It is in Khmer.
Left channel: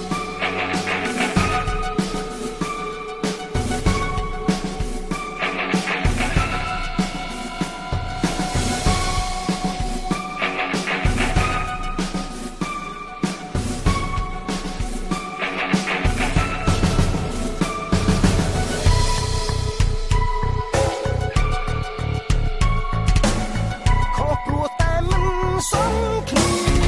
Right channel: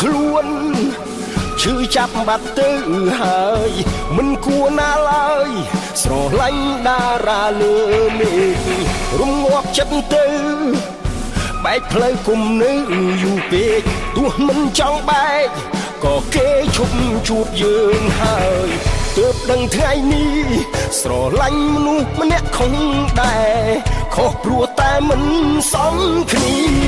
ខ្លួនឈឺចាប់បាត់ទៅហើយមិនគួរណាឡើយស្រឡាញ់តារាលើមេឃរំងាប់ចិត្តទៅបែកផ្លូវគុំនៅយូរពេកទោះមិនចង់បែកក៏គេឈប់ជួបយើងហើយទើបដឹងថ្ងៃនេះស្រឡាញ់មនុស្សម្នាក់ខុសដែរខុសព្រោះតែមិនសមគ្នា